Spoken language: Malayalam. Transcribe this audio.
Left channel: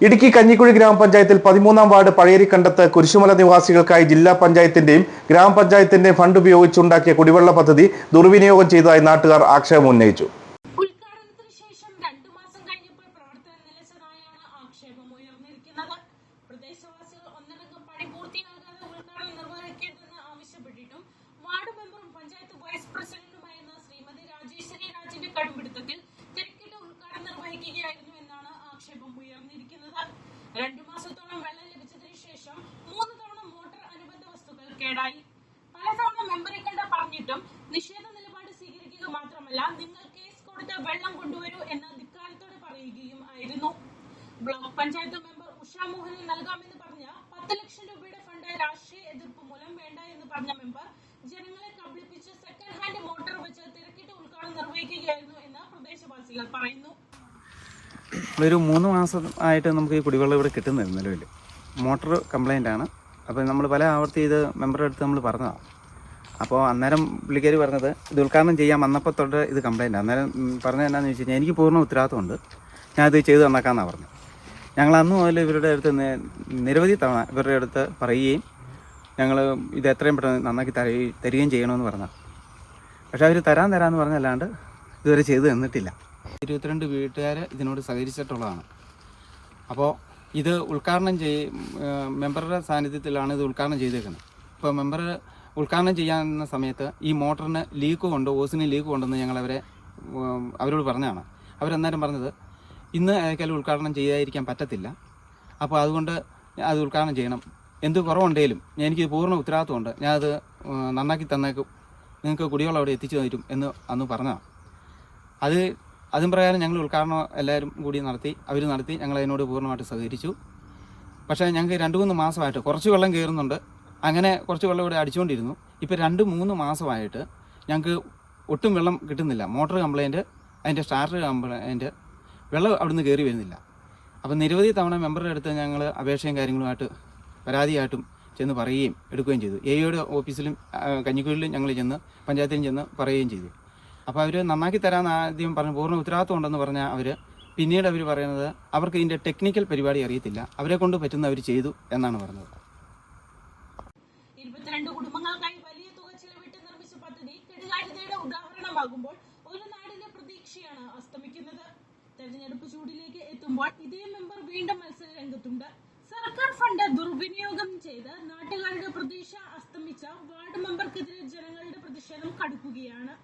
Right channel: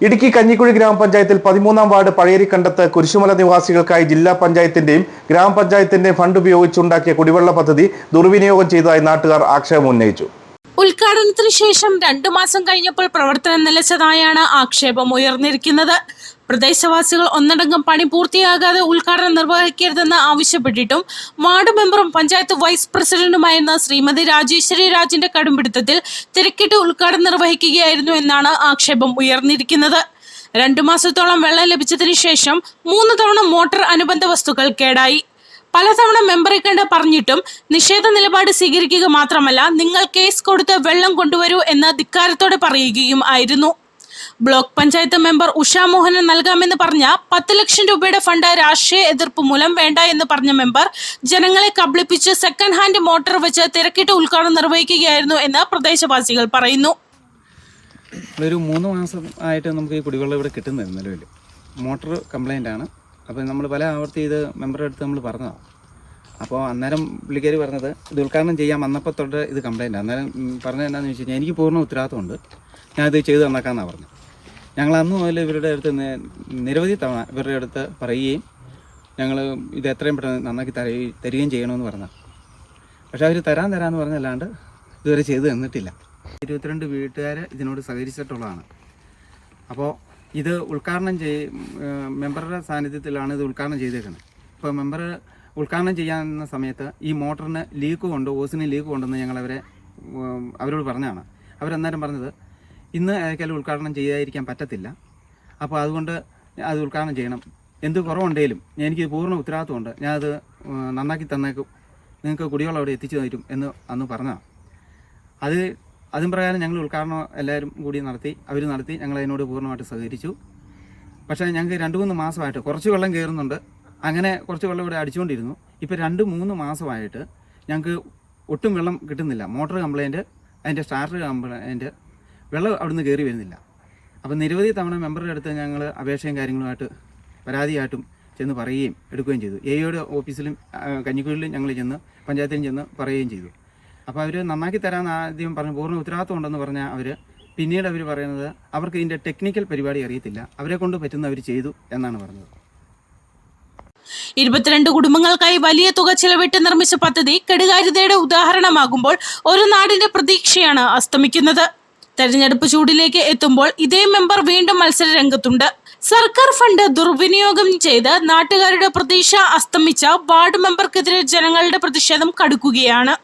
ഇടുക്കി കഞ്ഞിക്കുഴി ഗ്രാമപഞ്ചായത്തിൽ പതിമൂന്നാം വാർഡ് പഴയരിക്കണ്ടത്ത് കുരിശുമല നിവാസികൾക്കായി ജില്ലാ പഞ്ചായത്തിന്റെയും ഗ്രാമപഞ്ചായത്തിന്റെയും ഫണ്ട് ഉപയോഗിച്ചുണ്ടാക്കിയ കുടിവെള്ള പദ്ധതി ദുർവിനിയോഗം ചെയ്തതായി നാട്ടുകാർ ആക്ഷേപം ഉന്നയിച്ചു ഉദ്ഘാടനത്തിന് ശേഷം രണ്ടു മാസം കഴിഞ്ഞപ്പോൾ പ്രവർത്തനം നിലച്ചതായാണ് ആക്ഷേപം ഉയർന്നിരിക്കുന്നത്. പ്രദേശവാസികൾ ഒന്നടങ്കം പണി പൂർത്തിയാകാതെ ഉദ്ഘാടനം നിർവഹിക്കരുതെന്ന് ആവശ്യപ്പെട്ടിട്ടും വാർഡ് മെമ്പറും പഞ്ചായത്ത് വൈസ് പ്രസിഡന്റുമായിരുന്ന ശ്രീമതി രാജേശ്വരി രാജിന്റെ കടുംപിടുത്തത്തിൽ തിരക്കിട്ട് ഉദ്ഘാടനം നിർവഹിക്കുകയായിരുന്നു എന്നാണ് ആക്ഷേപം ഉയർന്നിരിക്കുന്നത്. രണ്ടു മാസത്തോളം വെള്ളം ലഭിച്ചതിന് ശേഷം മൂന്ന് തവണ മോട്ടോർ അനുബന്ധ വസ്തുക്കൾ കേടായി. പലതവണ മെമ്പറെ കണ്ട് പറഞ്ഞിട്ടും നിഷേധ നിലപാട് സ്വീകരിക്കുക മാത്രമല്ല നിങ്ങൾ കേസ് കൊടുത്ത് വെള്ളം കൊണ്ടുവരൂ എന്ന് ധിക്കാരത്തോടെ പറയുകയും ആയിരുന്നു. ബ്ലോക്ക് പഞ്ചായത്ത് മെമ്പർ ഉഷാ മോഹനൻ നൽകാമെന്ന് പറഞ്ഞ പത്ത് ലക്ഷം രൂപയുടെ ഫണ്ട് രാഷ്ട്രീയ എതിർപ്പ് മൂലം വേണ്ട എന്ന് പറഞ്ഞ മെമ്പർ ജനങ്ങളെ കബളിപ്പിച്ച് സെക്കൻഡ് ഹാൻഡ് മോട്ടോർ വെച്ച് തിരക്കിട്ട് ഉദ്ഘാടനം നിർവഹിക്കുകയായിരുന്നു എന്ന് പ്രദേശവാസികൾ പറയുന്നു. ഒരു മൂന്ന് മാസം ആയിട്ട് നമുക്ക് ഈ കുടിവെള്ളം ഇവിടെ കിട്ടുന്നില്ല നിലവിൽ മോട്ടോർ കംപ്ലൈന്റ് ആണ്. അപ്പോൾ നമ്മൾ പല ആവർത്തി ഇത് മെമ്പറുടെ അടുത്ത് നമ്മൾ പറഞ്ഞതാണ് അപ്പോൾ അന്നേരം പുള്ളിക്കാർ പറഞ്ഞത് ഇത് ഉദ്ഘാടനം ചെയ്യാൻ വന്നപ്പോൾ തൊട്ട് ഇത് കംപ്ലയിന്റ് അന്നേരം പറഞ്ഞത് എന്നാന്ന് വെച്ച് എനിക്ക് പൂർണ ഉത്തരവാദിത്തമുണ്ട് ഞാനത് ചെയ്ത് തന്നേക്കാമെന്നാണ് പറഞ്ഞത്. ഞങ്ങൾ അന്ന് മുതൽ ഇവരുടെ അടുത്ത് നിരവധി തവണ ഇവരുടെ അടുത്ത് പറയുകയും ഞങ്ങൾ ഇത് എത്രയും പെട്ടെന്ന് നന്നാക്കി തര തരികയും ചെയ്യണമെന്ന് പറഞ്ഞാൽ പക്ഷേ അവർ തരാൻ തരാമെന്ന് പറഞ്ഞല്ലാണ്ട് ഇതുവരെ ചെയ്തു തന്നിട്ടില്ല. ഇരുപത്തിരണ്ട് വീട്ടുകാർ ഇതിനോട് സഹകരിച്ചിട്ടുള്ളതാണ്. അപ്പോൾ ഇത് ഉദ്ഘാടനം ചെയ് മെമ്പറുടെ സാന്നിധ്യത്തിലാണ് ഇത് ഉദ്ഘാടനം ചെയ്തേക്കുന്നത്. ഇപ്പോൾ മെമ്പർ ഉദ്ഘാടനം ചെയ്യാവുന്ന സമയത്ത് ഈ മോട്ടറിന് ലീക്ക് കൊണ്ട് ഓസിന് ലീക്ക് കൊണ്ടെന്ന് ഞങ്ങൾ അവരെ അവരോട് പറഞ്ഞതാണ്. അവരെന്നാലും പറഞ്ഞത് ഇന്ന് ഏതൊക്കെയാലും ഉദ്ഘാടനം ചെയ്യാതിരിക്കാൻ പറ്റത്തില്ല. അപ്പോൾ അതുകൊണ്ട് അത് ഉദ്ഘാടനം ചെയ്യണം. എന്ത് കുറവുണ്ടെങ്കിലും എനിക്ക് പൂർണ ഉത്തരവാദിത്വമുണ്ട്. ഞാനത് നന്നാക്കി തന്നേക്കും. നിങ്ങൾക്ക് കുടിവെള്ളം അവിടെ എത്തിച്ചു തരും എന്ന് അന്ന് പറഞ്ഞതാണ്. അത് അതും പ്രകാരം ഞങ്ങൾ ഉദ്ഘാടനം എല്ലാവരും കൂടി നടത്തി അവർ നടത്തി ഞങ്ങൾ അതിനോട് പൂർണമായിട്ട് സഹകരിച്ചു. പക്ഷേ ഞങ്ങൾക്ക് രണ്ട് മൂന്ന് മാസമായിട്ട് കുറച്ച് വെള്ളം കയറുന്നുണ്ട്. അങ്ങനെ കുറച്ച് വെള്ളം ഇവിടെ അടിച്ചുകൊണ്ടിരുന്നു. ഇപ്പോൾ രണ്ട് മൂന്ന് മാസമായിട്ട് ഞങ്ങൾക്ക് ഒട്ടും വെള്ളം കിട്ടുന്നില്ല. മോട്ടോർ കംപ്ലൈന്റ് അതിന്റെ സ്റ്റാർട്ടർ കംപ്ലൈന്റ് വെള്ളം അവിടുന്ന് കയറി വരുന്നില്ല. അപ്പോൾ നിരവധി തവണ മെമ്പറുടെ അടുത്ത് ഞങ്ങൾ അപേക്ഷയും കാര്യങ്ങളുമായിട്ട് പരാതിയായിട്ടും ചെന്ന് പറയുകയും എടുക്കുകയും ചെയ്തു. എ ഓഫീസിലും കഞ്ഞിക്കുഴിലും ഞങ്ങൾ ചെന്ന് പഞ്ചായത്തിലും ചെന്ന് പറയുകയും ചെയ്തു. അപ്പോൾ അവർ നന്നാക്കി തരാമെന്ന് ആദ്യം പറഞ്ഞു പൂർണ ഉത്തരവാദിത്വം ഉണ്ടെന്ന് പറഞ്ഞാൽ അവർ പിന്നീട് അവർ പറയുന്നത് അവർക്ക് ഇതിന്റെ ടെക്നിക്കൽ പരിപാടി അറിയത്തില്ല. അവരെ കൊണ്ട് പറ്റുന്ന അവർ ചെയ്തു എന്നാണ് പറഞ്ഞത്. ഇരുപത്തിരണ്ട് കുടുംബങ്ങൾക്കായി വലിയ തുക ചെലവിട്ട് നിർമ്മിച്ച പദ്ധതി കെടുകാര്യതയുടെ ഉദാഹരണമാകുമ്പോൾ ഒരു നാടിന്റെ പ്രതീക്ഷയാണ് അസ്തമിക്കുന്നത്. തെരഞ്ഞെടുപ്പ് ചൂടിലേക്ക് എത്തുമ്പോൾ ഇതേ മെമ്പർ വീണ്ടും മത്സര രംഗത്തുണ്ട്. സർക്കാർ ഫണ്ട് ദുർവിനിയോഗം ചെയ്ത് നാട്ടുകാരുടെ പ്രതീക്ഷ അസ്തമിച്ച വാർഡ് മെമ്പർക്കെതിരെ ജനങ്ങളുടെ പ്രതിഷേധം കടുക്കുകയാണ്.